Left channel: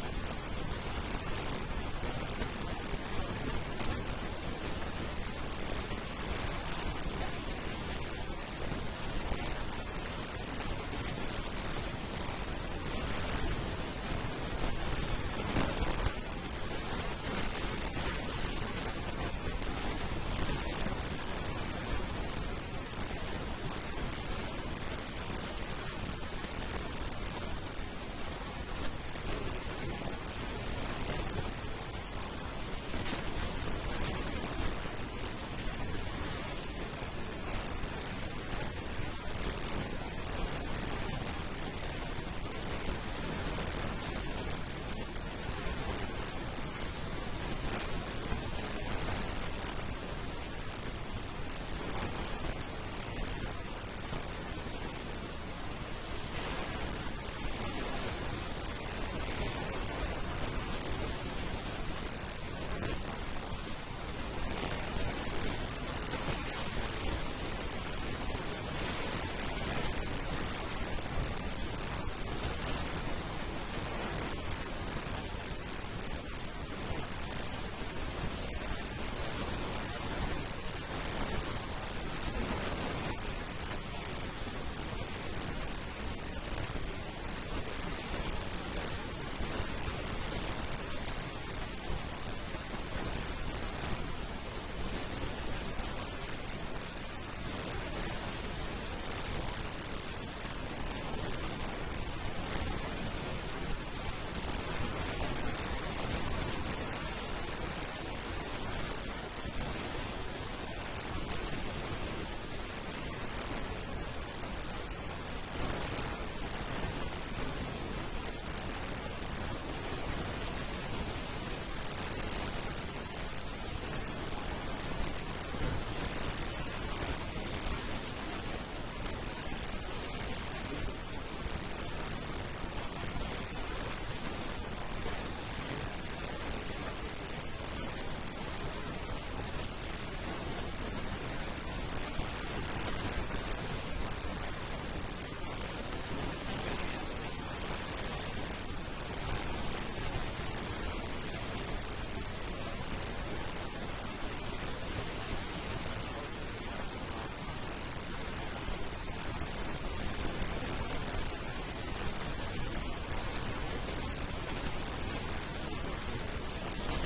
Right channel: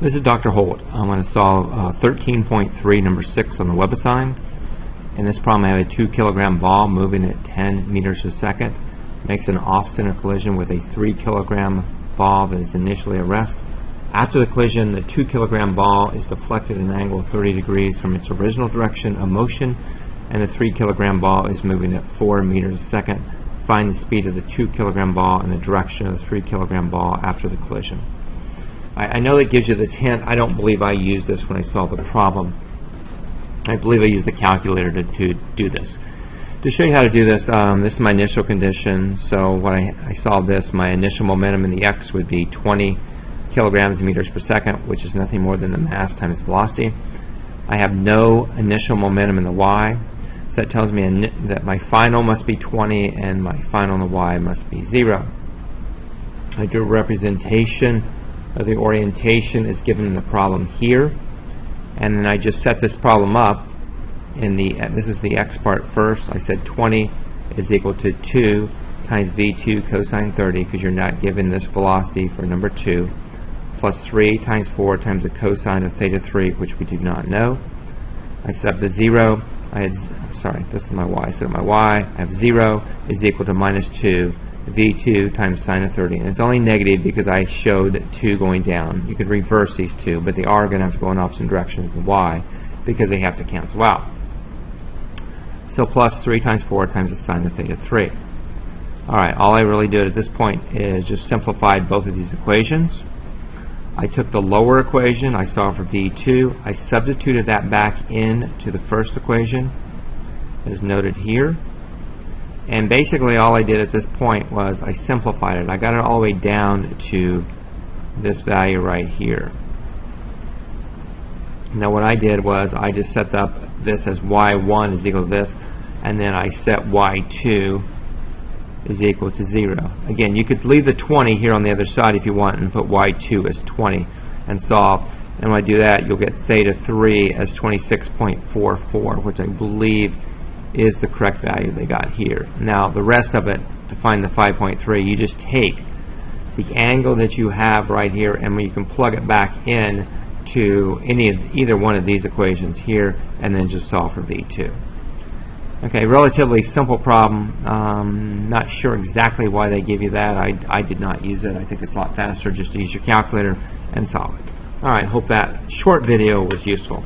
This is Dr. Holt. I'm going to solve 13.3, number 6 on the WebAssign. In this problem, I have a 2 kilogram ball moving at 10 meters per second. Makes an off-center collision with a 3 kilogram ball that is initially at rest. After the collision, the 2 kilogram ball is deflected at an angle of 30 degrees from its original direction of motion, and the 3 kilogram ball is moving at 4 meters a second. Find the speed of the 2 kilogram ball and the direction of the 3 kilogram ball after the collision. I know that gives you this hint. I don't believe I used this when I solved the problem. I believe I used the calculator to do this. To show you how to do this, this is my initial condition. So when I solve this, my initial momentum in the x would be 20 kilograms meters per second, which is nothing more than the mass times velocity. I have no initial momentum in the y, so that tells me that my final must be 20 and my final in the y must be 0. I do a representation of the orientation is given in the problem here, and then I just set this problem up in the, this is the x part first. I said 20 is equal to 2 times v2 cosine 30, because you're not given this velocity for number 2, plus 3 times 4 times the cosine of theta 3, which we do not know. I set up the 0. I had, sorry, this is my y. I set up my y. I have 0 is equal to minus 2 v2 times sine of 30. And it's only negative because I showed 2 going down. You could reverse these two, but they are going to have to go in opposite directions with y because they have to cancel out. So plus 3 times 4 times the sine of theta 3. Alright, all I really did at this point is just simplified both of these equations. I took the lower equation, I solved for v2, I substituted that back into the first equation, as noted here. And basically all I did at this point was I simplified it. I got it all the way down to this value right here. Now what I did was I just set up this as y1 is equal to this, and then I set y2 is equal to 0. Again, you could leave the 20 here on the other side if you want and put y2 as 20 and solve. And when I do that, you'll get theta 3 as 26.44, which I believe is the correct value they got here. Now the rest of it, to find the 5.3, you just take the angle that you have right here and you can plug it back in to either one of these equations here and then just solve for v2. Okay, relatively simple problem. Not sure exactly why they give you that. I did not use it. I think it's a lot faster just to use your calculator and solve it. Alright, hope that short video was useful.